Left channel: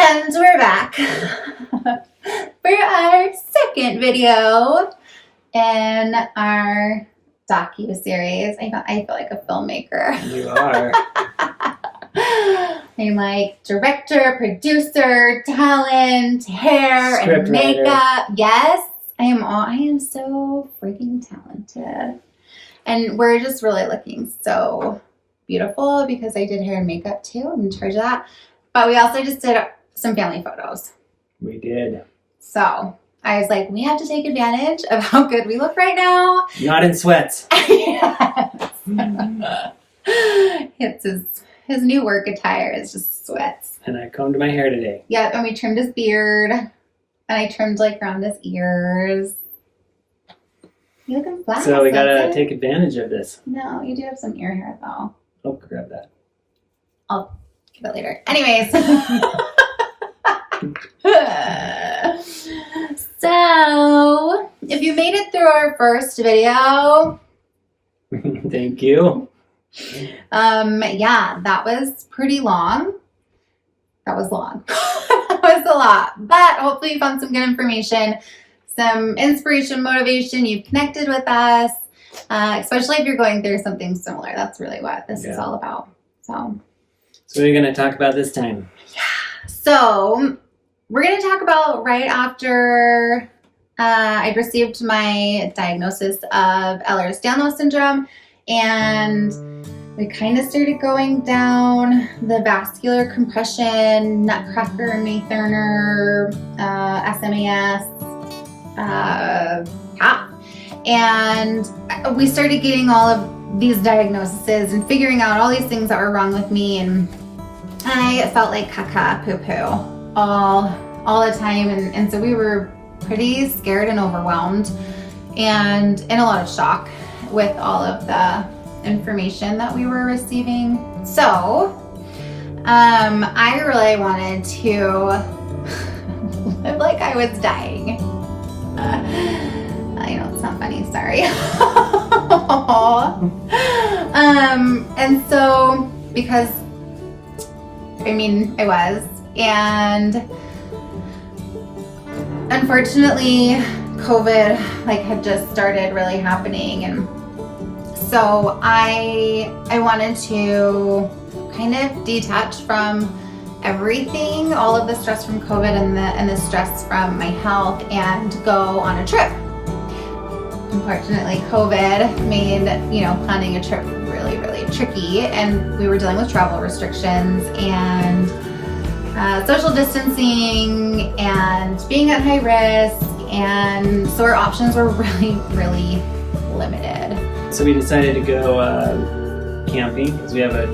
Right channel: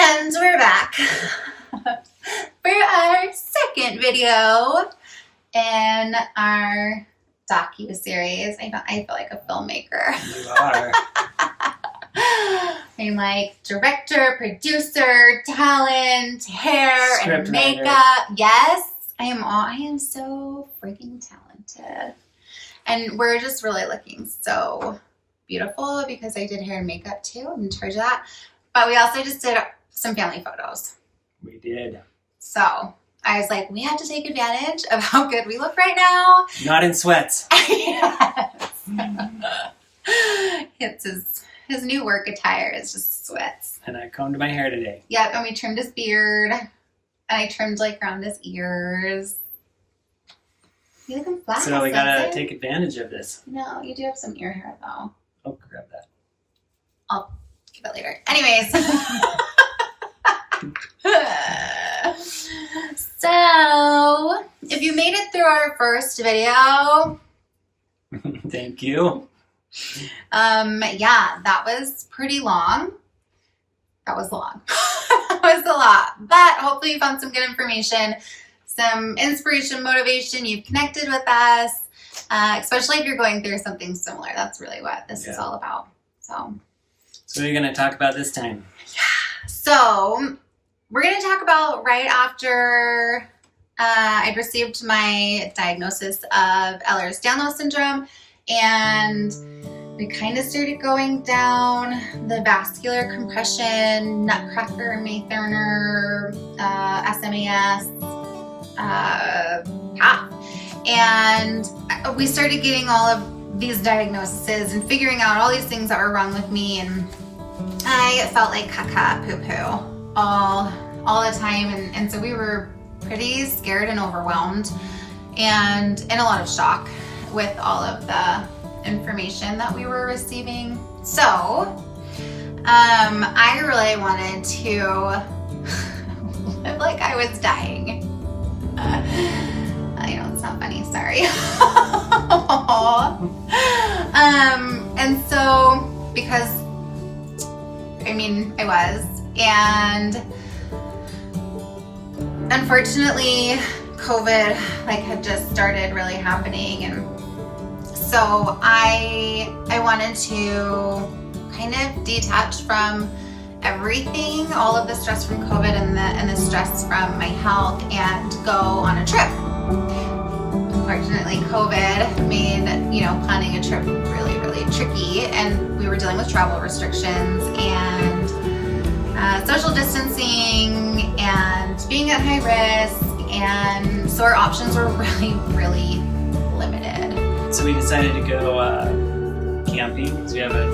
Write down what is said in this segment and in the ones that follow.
And we're back for our second video in our docu-series. I feel like a filmmaker. You are. I'm like director, producer, talent, hair, Script and makeup. writer. Yes, I am so freaking talented. And we're just really looking so beautiful because I did hair and makeup too. I'm in charge of that. But we also just did some family photos. We did. So I was like, we have to take advantage of how good we look right now. Not in sweats. Yes. It's his new work attire is just sweats. And I combed my hair today. Yep, and we trimmed his beard. And I trimmed like around his ears. You looking flat. So we gotta take advantage of this. No, you do have some ear hair though. I'll grab that. I'll give it later. Anyways. So, if you made it through our first video, Thank you. yeah, that was pretty long. That was long. That was a lot, but hopefully you found some good information, some inspiration, motivation. You've connected with us, especially if you're going through something similar. That's really what this is all about. So what are you going to talk about this time? So we're going to talk about right after I'd received my diagnosis of Ehlers-Danlos syndrome, and we kind of started going down the vascular compression, Nutcracker, Maytherner, SMAS path. And we started getting all of these diagnoses and figuring out all these things that were wrong with me, and I felt like caca, poo-poo all the time, and so we were pretty scared and overwhelmed and in a lot of shock with all of the information that we were receiving. So I really wanted to live like I was dying. I know it's not funny, sorry. And so because I was, and unfortunately COVID had just started really happening, and so I wanted to kind of detach from everything, all of the stress from COVID and the stress from my health, and go on a trip. Unfortunately, COVID made planning a trip really, really tricky, and we were dealing with travel restrictions and social distancing and being at high risk, and so our options were really, really limited. So we decided to go camping because we have a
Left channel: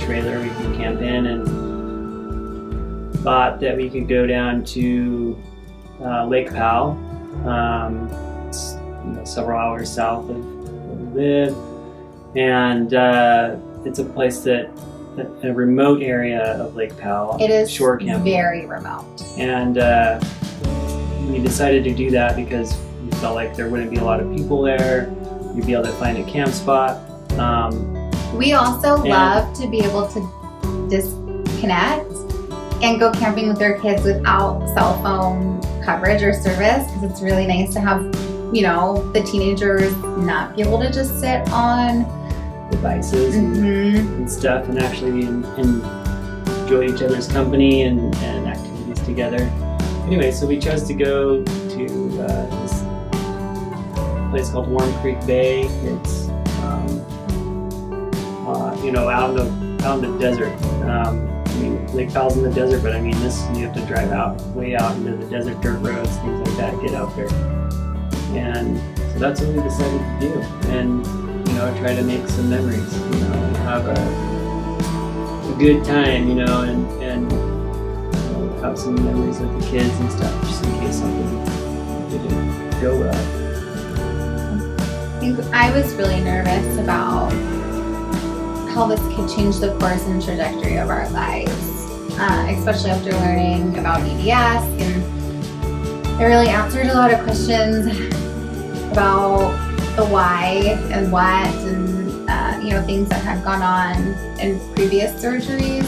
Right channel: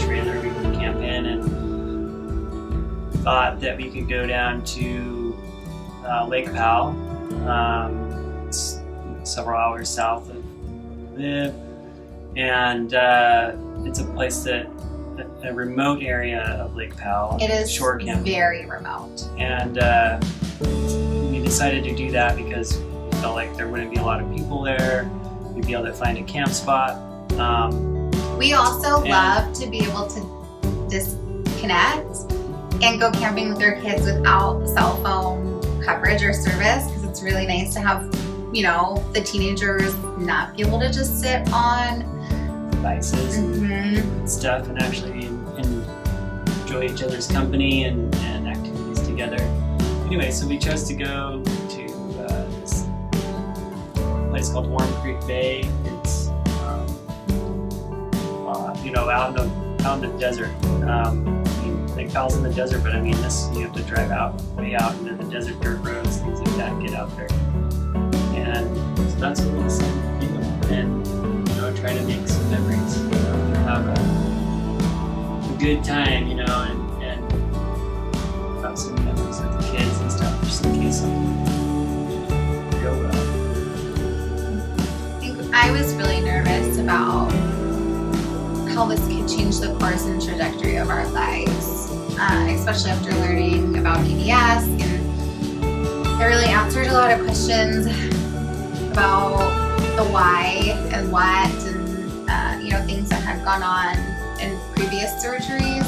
trailer we can camp in, and thought that we could go down to Lake Powell. It's several hours south of where we live, and it's a place that a remote area of Lake Powell. It is shore camping. Very remote. And we decided to do that because we felt like there wouldn't be a lot of people there. We'd be able to find a camp spot. We also love to be able to disconnect and go camping with our kids without cell phone coverage or service, because it's really nice to have, the teenagers not be able to just sit on devices and stuff, and actually enjoy each other's company and activities together. Anyway, so we chose to go to this place called Warm Creek Bay. It's out in the desert. Lake Powell's in the desert, but this you have to drive way out into the desert, dirt roads, things like that, get out there. And so that's what we decided to do, and try to make some memories, have a good time, and have some memories with the kids and stuff, just in case something didn't go well. I think I was really nervous about how this could change the course and trajectory of our lives, especially after learning about EDS, and it really answered a lot of questions about the why and what, and things that had gone on in previous surgeries.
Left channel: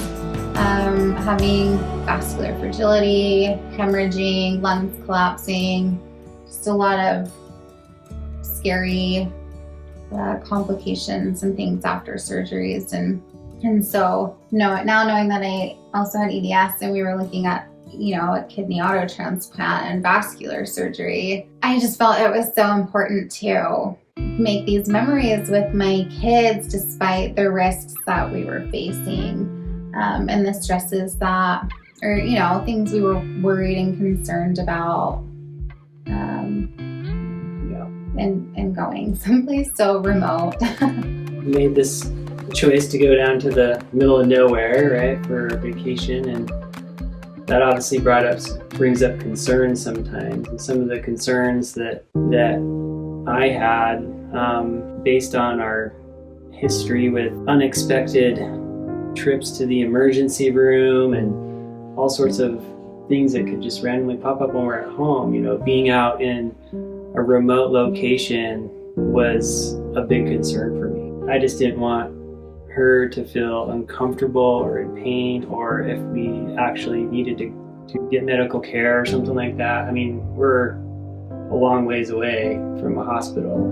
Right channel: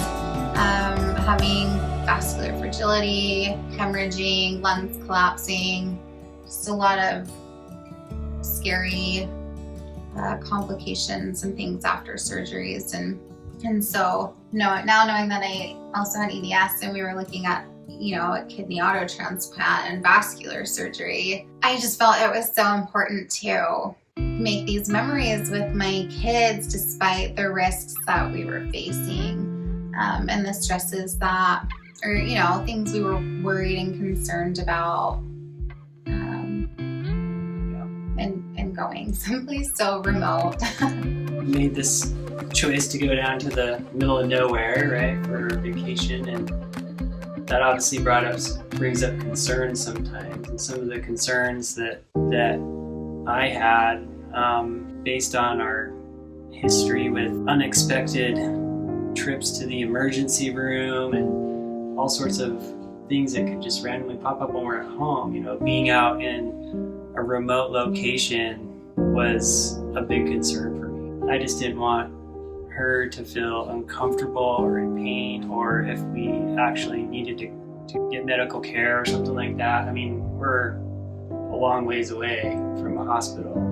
having vascular fragility, hemorrhaging, lungs collapsing, just a lot of scary complications and things after surgeries. And so now knowing that I also had EDS and we were looking at, a kidney autotransplant and vascular surgery, I just felt it was so important to make these memories with my kids despite the risks that we were facing, and the stresses that, or things we were worried and concerned about, and going someplace so remote. We made this choice to go down to the middle of nowhere, right, for vacation, and that obviously brings up concerns sometimes. And some of the concerns that I had, based on our history with unexpected trips to the emergency room and all sorts of things that could just randomly pop up when we're at home, being out in a remote location was a big concern for me. I just didn't want her to feel uncomfortable or in pain, or if we actually needed to get medical care or something like that. I mean, we're a long ways away from a hospital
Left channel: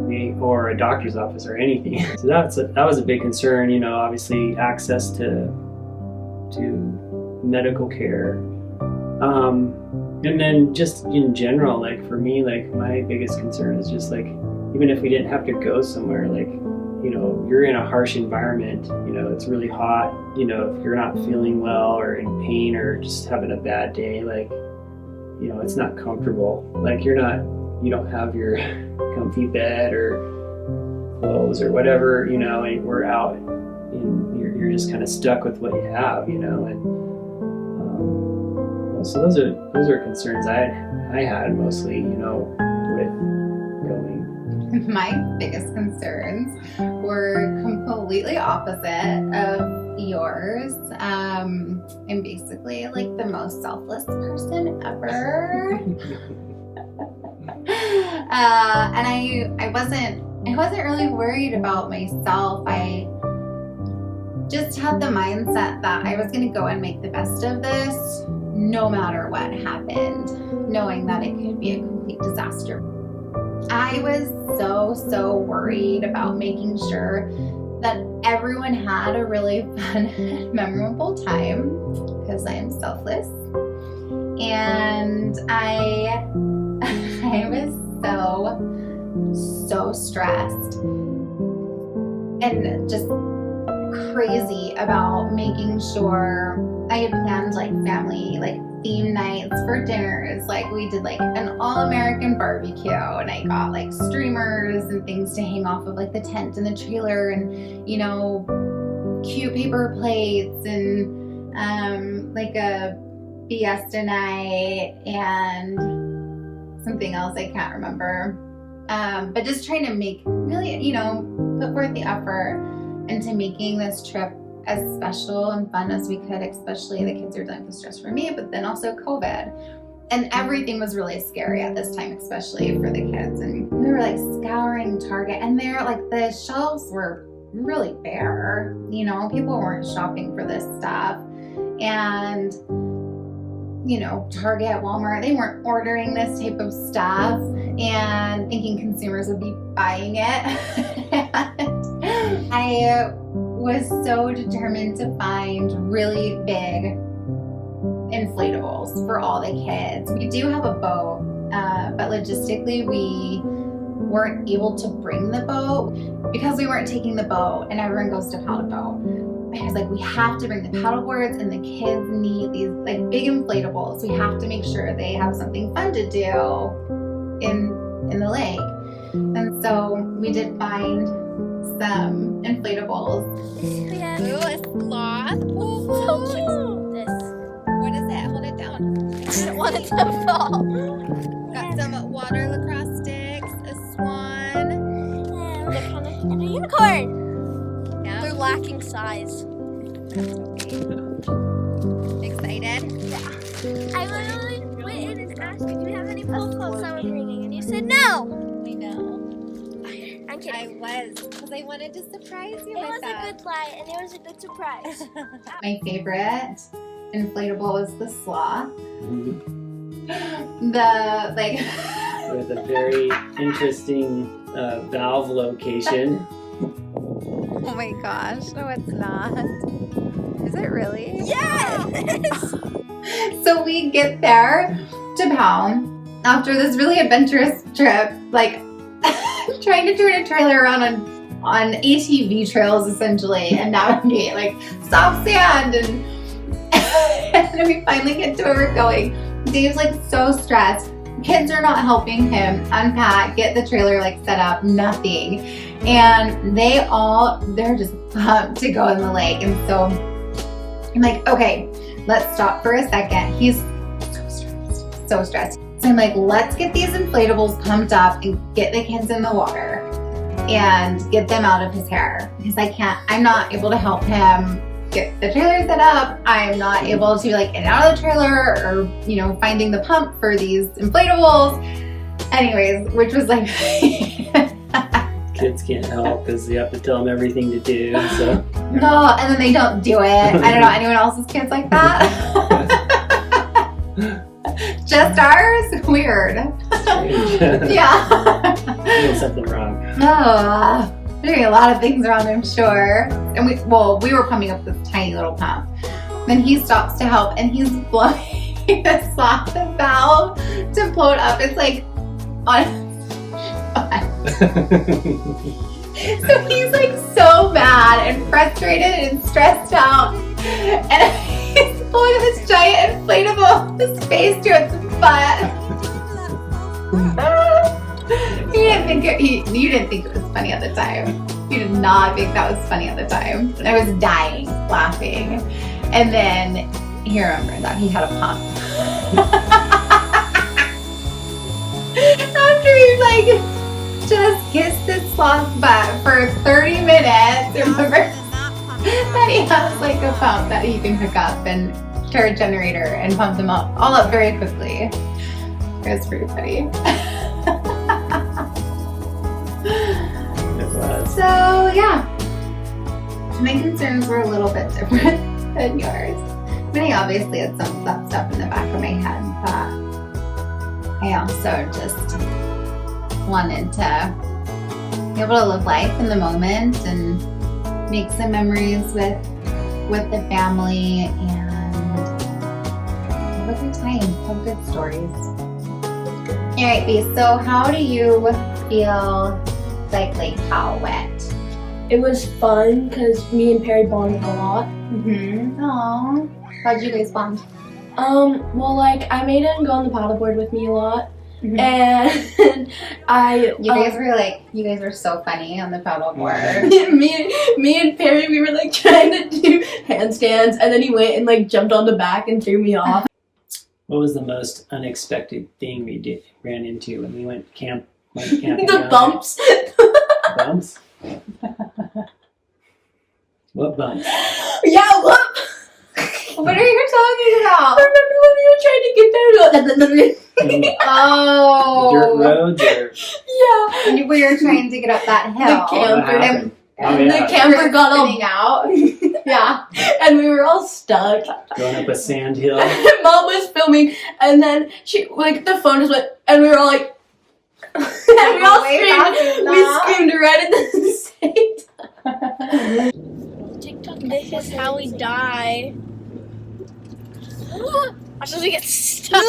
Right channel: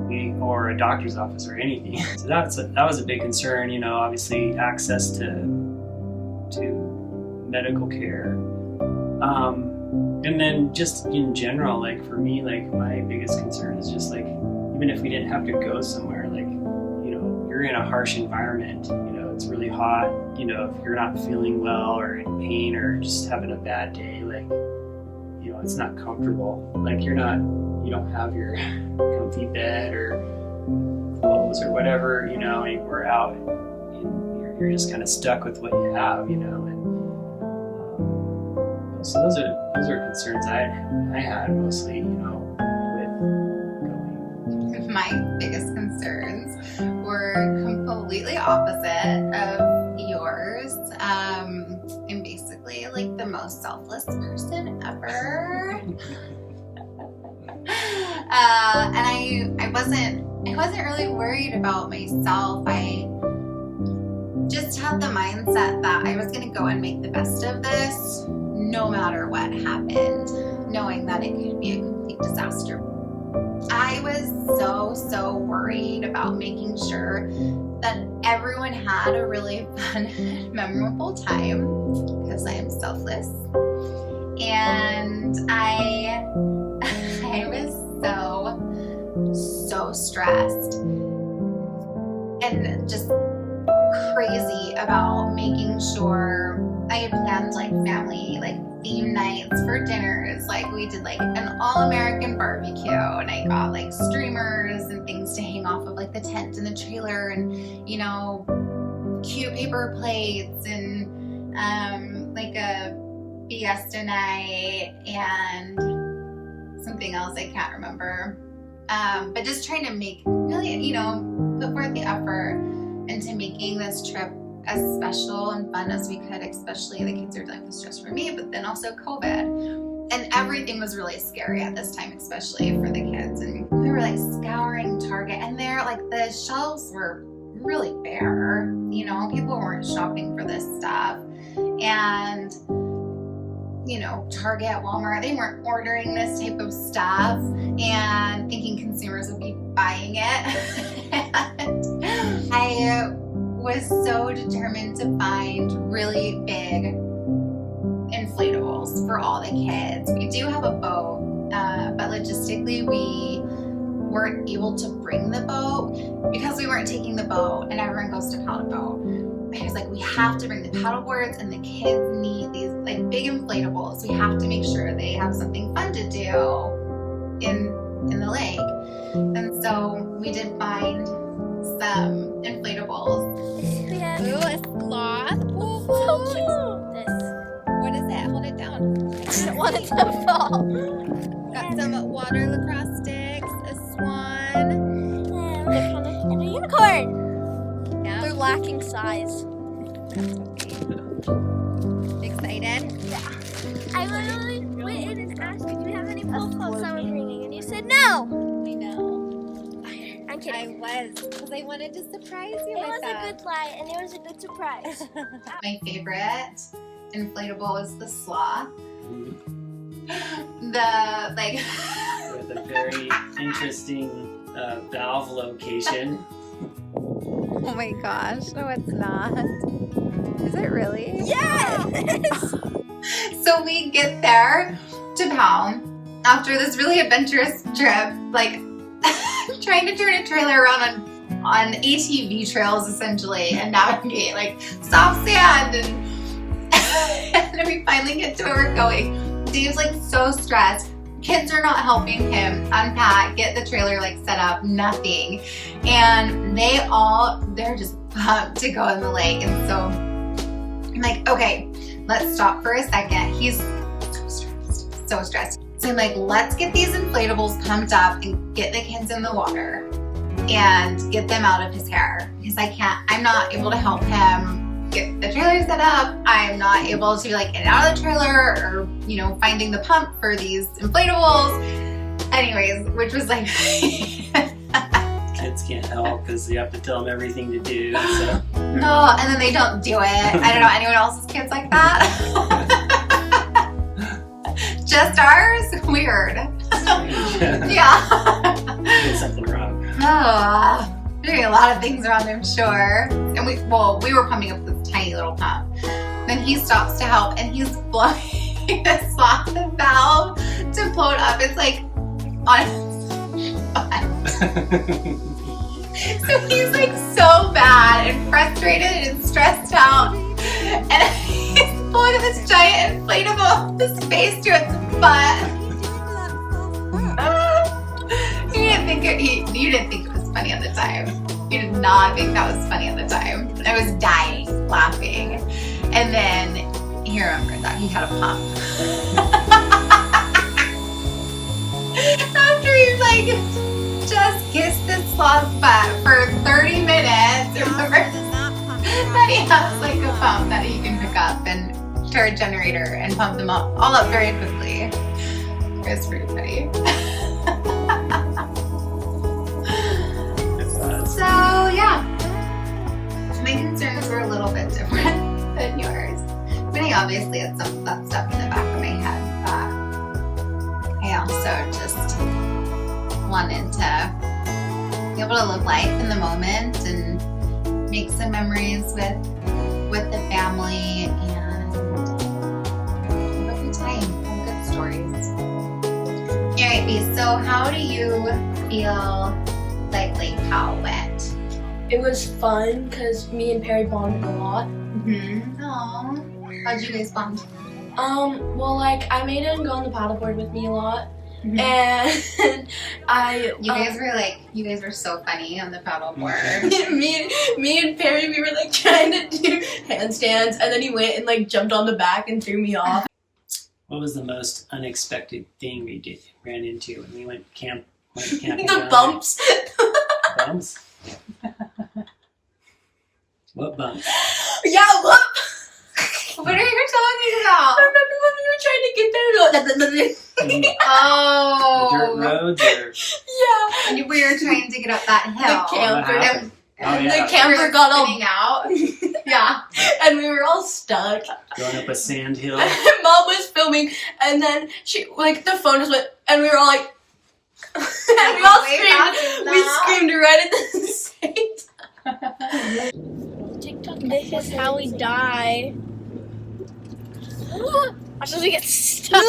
or a doctor's office or anything. So that was a big concern, obviously access to medical care. And then just in general, like for me, like my biggest concern is just like, even if we didn't have to go somewhere, like, you're in a harsh environment, it's really hot, if you're not feeling well or in pain or just having a bad day, like, it's not comfortable. Like you don't have your comfy bed or clothes or whatever, and we're out and you're just kind of stuck with what you have, and so those are concerns I had mostly, with going. My biggest concerns were completely opposite of yours. I'm basically like the most selfless person ever. And I wasn't really worried about myself. I just had the mindset that I was going to go and make the best of this no matter what happened, knowing that it could be a complete disaster. I was so worried about making sure that everyone had a really fun and memorable time, because I am selfless. And I was so stressed and just crazy about making sure I had planned like family, like theme nights for dinners. Like we did like an all-American barbecue, and I got like streamers and things to hang off of like the tent and the trailer, and cute paper plates, and like a fiesta night and something else I can't remember. But just trying to make really, put forth the effort into making this trip as special and fun as we could, especially the kids are dealing with stress for me, but then also COVID. And everything was really scary at this time, especially for the kids. And we were like scouring Target, and the shelves were really bare. People weren't shopping for this stuff. And Target, Walmart, they weren't ordering this type of stuff and thinking consumers would be buying it. And I was so determined to find really big inflatables for all the kids. We do have a boat, but logistically we weren't able to bring the boat because we weren't taking the boat, and everyone goes to paddle boat. I was like, we have to bring the paddle boards, and the kids need these like big inflatables. We have to make sure they have something fun to do in the lake. And so we did find some inflatables. We have a sloth. So cute. This. What is it? Hold it down. I didn't want it to fall. Got some water lacrosse sticks, a swan, And a unicorn. Yeah. They're lacking size. Excited? Yeah. I literally went in and asked you, do you have any pool floats that we're bringing? And you said no. I know. I I'm kidding. I was, because I wanted to surprise you It with was that. a good lie, and it was a good surprise. My favorite inflatable is the sloth. The like With a very interesting valve location. Oh my gosh, no it's not. Is it really? Yes! so we get there to Powell after this really adventurous trip, like trying to turn a trailer around on ATV trails essentially and navigate like soft sand and then we finally get to where we're going. Dave's like so stressed. Kids are not helping him unpack, get the trailer like set up, nothing. And they're just pumped to go in the lake. And so I'm like, okay, let's stop for a second. He's so stressed. So I'm like, let's get these inflatables pumped up and get the kids in the water and get them out of his hair. Because I'm not able to help him get the trailer set up. I'm not able to like get out of the trailer or, finding the pump for these inflatables. Anyways, which was like, Kids can't help because you have to tell them everything to do. So. No, and then they don't do it. I don't know anyone else's kids like that. Just ours? Weird. Yeah. Doing something wrong. They're doing a lot of things wrong, I'm sure. And we were pumping up this tiny little pump. Then he stops to help and he's blowing the sloth valve to blow it up. It's like on So he's like so mad and frustrated and stressed out. And he's pulling up this giant inflatable his face to its butt. You didn't think it was funny at the time. You did not think that was funny at the time. I was dying laughing. And then he remembered that he had a pump. After he like just kissed this sloth's butt for 30 minutes. Remember that he has like a pump that he can pick up and start a generator and pump them all up very quickly. It was pretty funny. So yeah, my concerns were a little bit different than yours. I mean, I obviously had some of that stuff in the back of my head, but I also just wanted to be able to live life in the moment and make some memories with the family and have a good time, have good stories. All right, B, so how do you feel like Lake Powell went? It was fun because me and Perry bonded a lot. Mm-hmm. Aww. How'd you guys bond? Well, like, I made him go on the paddleboard with me a lot. Mm-hmm. And You guys were so funny on the paddleboard. me and Perry, we were like trying to do handstands, and then he went and like jumped on the back and threw me off. What was the most unexpected thing we ran into when we went camping? The bumps. Bumps? What bumps? Yeah, what? What are you talking about? I remember when we were trying to get there. Oh. Dirt roads or? Yeah. And we were trying to get up that hill. The camper. What happened? And The camper got all spinning out. Yeah. and we were all stuck. Going up a sand hill? Mom was filming, and then the phone just went, and we were all like, and we all screamed. We screamed right at the same time. TikTok. This is how we die. Watch as we get stuck.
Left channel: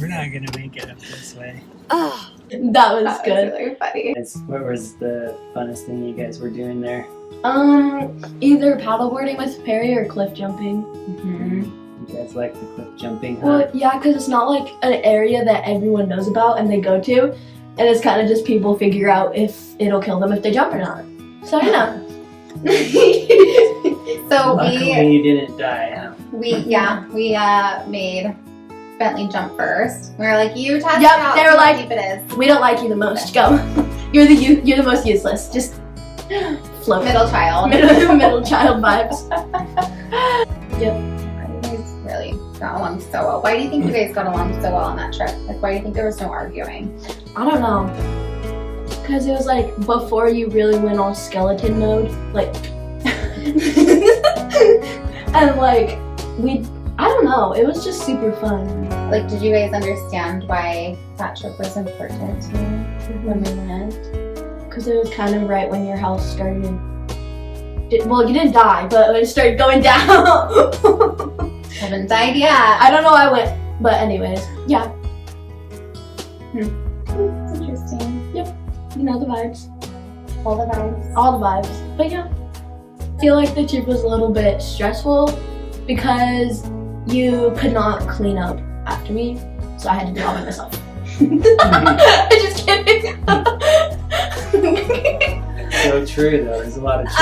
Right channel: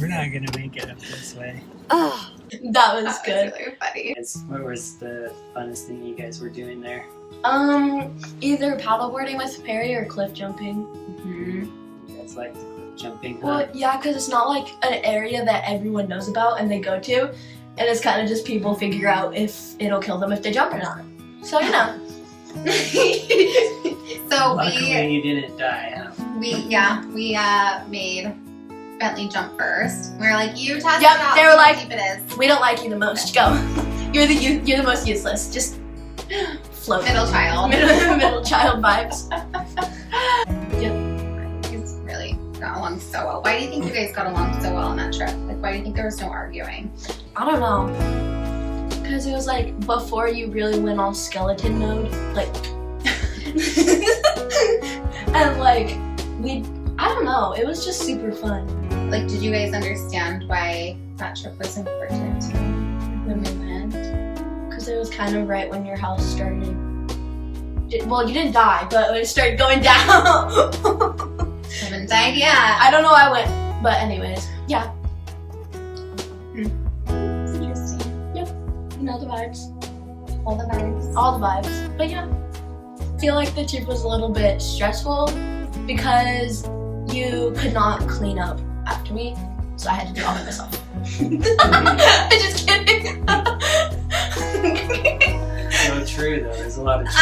We're not going to make it up this way. Oh, that was good. Really funny. What was the funnest thing you guys were doing there? Either paddleboarding with Perry or cliff jumping. Mm-hmm. You guys like the cliff jumping, huh? Well, yeah, because it's not like an area that everyone knows about and they go to, and it's kind of just people figure out if it'll kill them if they jump or not. So, you know. So Luckily you didn't die, huh? we made Bentley jump first. We were like, you test Yep, it out. they were see how like- deep it is. We don't like you the most. Go. You're the most useless. Just float. Middle child. Middle child vibes. Yep. You guys really got along so well. Why do you think you guys got along so well on that trip? Like, why do you think there was no arguing? I don't know. Because it was like before you really went on skeleton mode. Like, and like, I don't know. It was just super fun. Like, did you guys understand why that trip was important to you when we went? Because it was kind of right when your house started. Well, you didn't die, but it started going down. Haven't died yet. I don't know why I went, but anyways, yeah. It's interesting. You know the vibes. All the vibes. All the vibes. But yeah. I feel like the trip was a little bit stressful because you could not clean up after me, so I had to do it all by myself. I'm just kidding. So true, though. There's a lot of truth.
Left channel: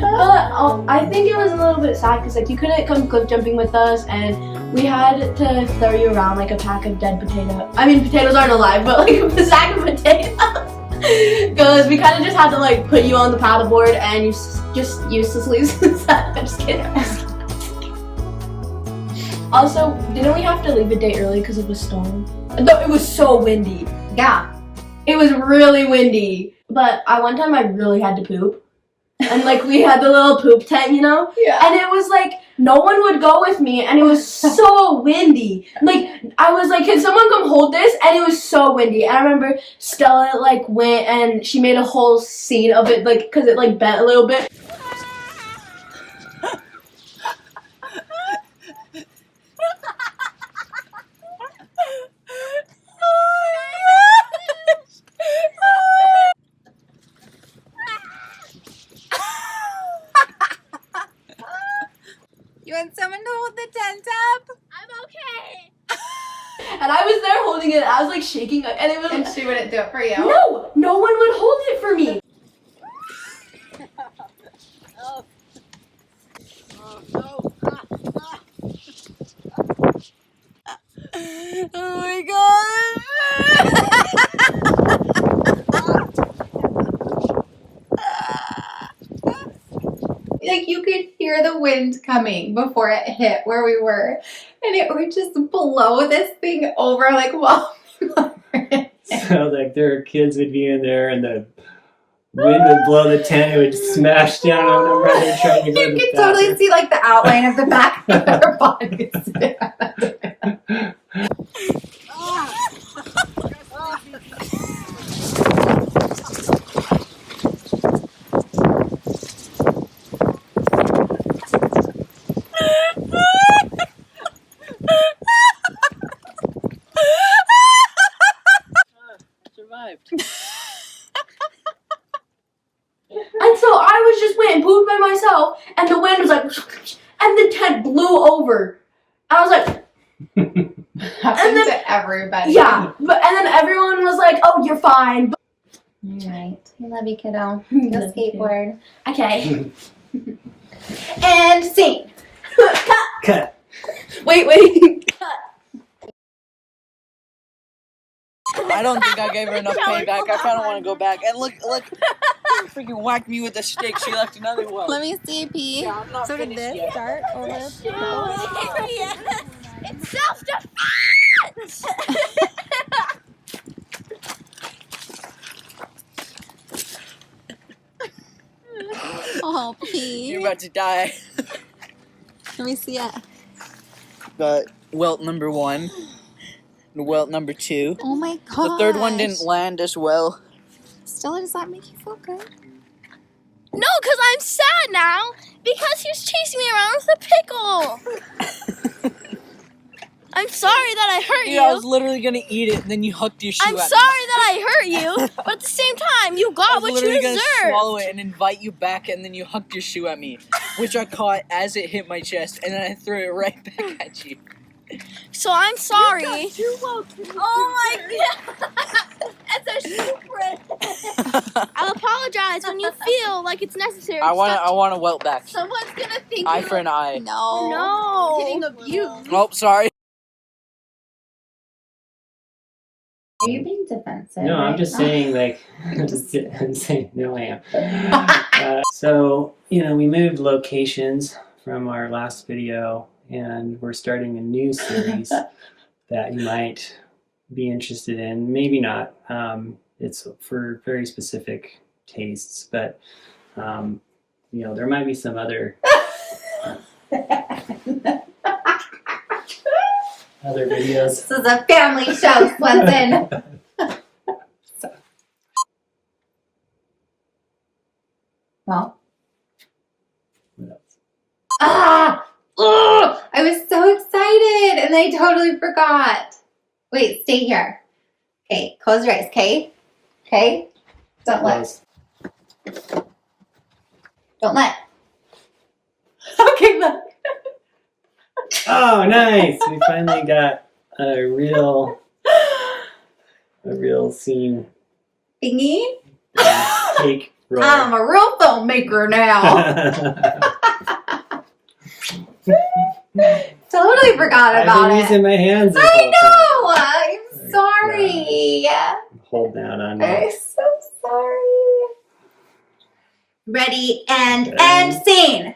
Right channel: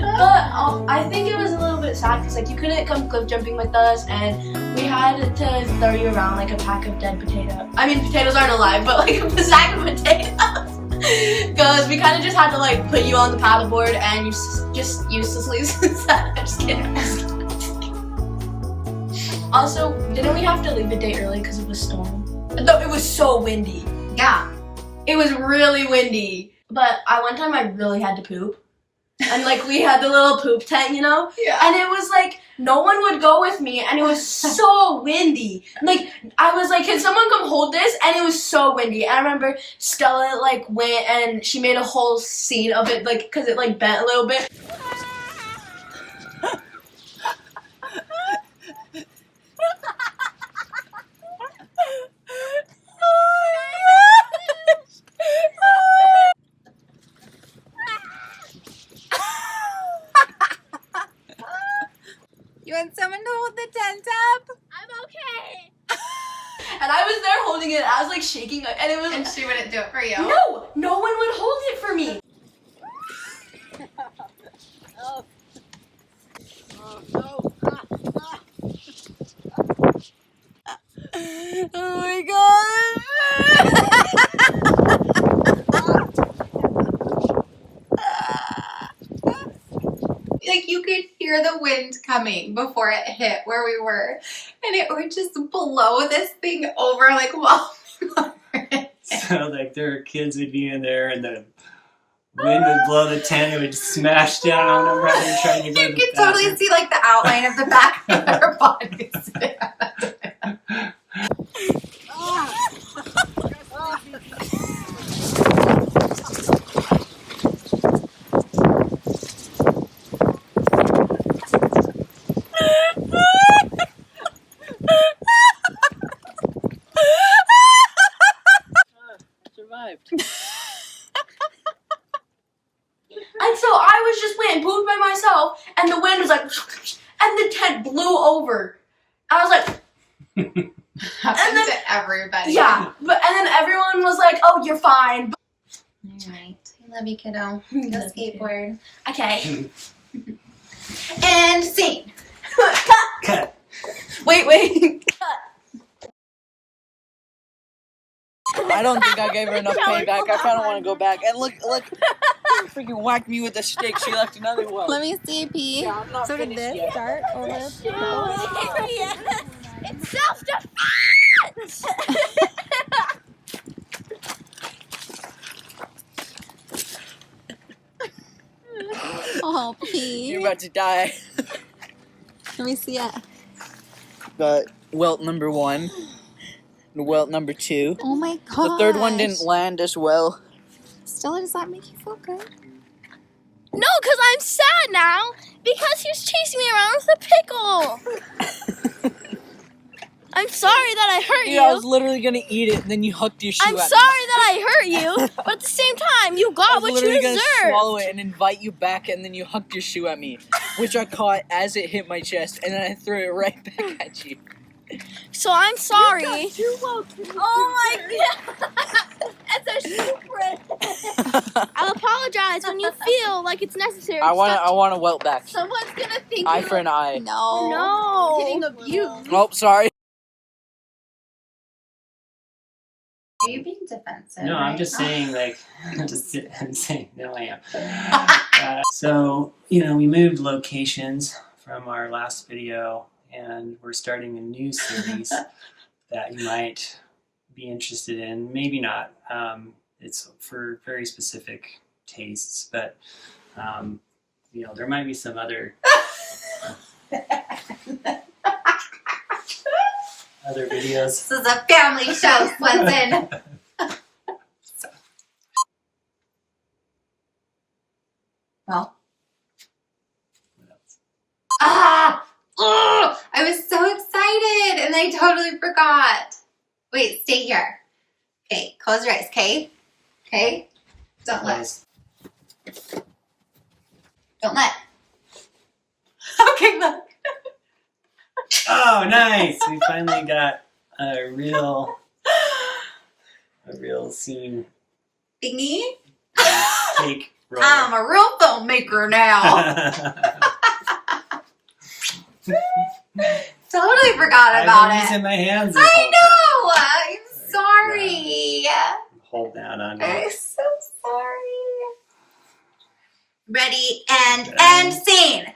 But I think it was a little bit sad because like you couldn't come cliff jumping with us, and we had to throw you around like a pack of dead potatoes. I mean, potatoes aren't alive, but like a sack of potatoes. Because we kind of just had to like put you on the paddleboard and you just uselessly sat. I'm just kidding. Also, didn't we have to leave a day early because of the storm? No, it was so windy. Yeah. It was really windy. But one time I really had to poop. And like we had the little poop tent, you know? Yeah. And it was like no one would go with me and it was so windy. Like I was like, can someone come hold this? And it was so windy. And I remember Stella like went and she made a whole scene of it like because it like bent a little bit. You want someone to hold the tent up? I'm okay. And I was there holding it. I was like shaking and it was And she wouldn't do it for you? No one would hold it for me. Oh. Oh my god! Like you could hear the wind coming before it hit where we were, and it would just blow this thing over like while we were in it. So like there were kids would be in there and the wind would blow the tent, it would smash down on them right there trying to go to You the could totally bathroom. see like the outline of the back of their bodies. Survived. And so I was just went and pooped by myself, and the wind was like, and the tent blew over. I was like, Happened then- to everybody. yeah, and then everyone was like, oh, you're fine. All right. I love you, kiddo. Go Love you, kiddo. skateboard. Okay. And scene. Cut. Wait. I don't think I gave her enough payback. I kind of want to go back. And look, freaking whacked me with a stick. She left another one. Let me see, P. Yeah, I'm not So did finished this yet. start over? It's self-defense! Oh, P. You're about to die. Let me see it. But welt number 1. And welt number 2. Oh my god. The third one didn't land as well. Stella, does that make you feel good? No, because I'm sad now because he was chasing me around with a pickle. I'm sorry that I hurt Yeah, I was you. literally gonna eat it, and then you hooked your shoe I'm at me. sorry that I hurt you, but at the same time, you I got was what you literally gonna deserved. swallow it and invite you back, and then you hucked your shoe at me, which I caught as it hit my chest, and then I threw it right back at you. So I'm sorry. Oh my god! That's a shoe print. I'll apologize when you feel like it's necessary. I want to welt back. Someone's gonna think Eye for an eye. No. No. Getting abused. Oh, sorry. Are you being defensive? No, I'm right just now? saying, like, I'm saying, no, I am. So, you know, we moved locations from our last video, and we're starting a new series that you might be interested in. Maybe not. It's for very specific tastes, but, you know, there might be some other videos. This is a family show, Swenson. Well. What else? Oh, I was so excited and I totally forgot. Wait, stay here. Okay, close your eyes, okay? Okay? Don't let. Close. Don't let. Okay, look. Oh, nice! We finally got a real scene. Thingy. Take roll. I'm a real filmmaker now. Totally forgot about I've been it. using my hands this I whole know. time. I'm sorry. Hold down on me. I'm so sorry. Ready and end scene.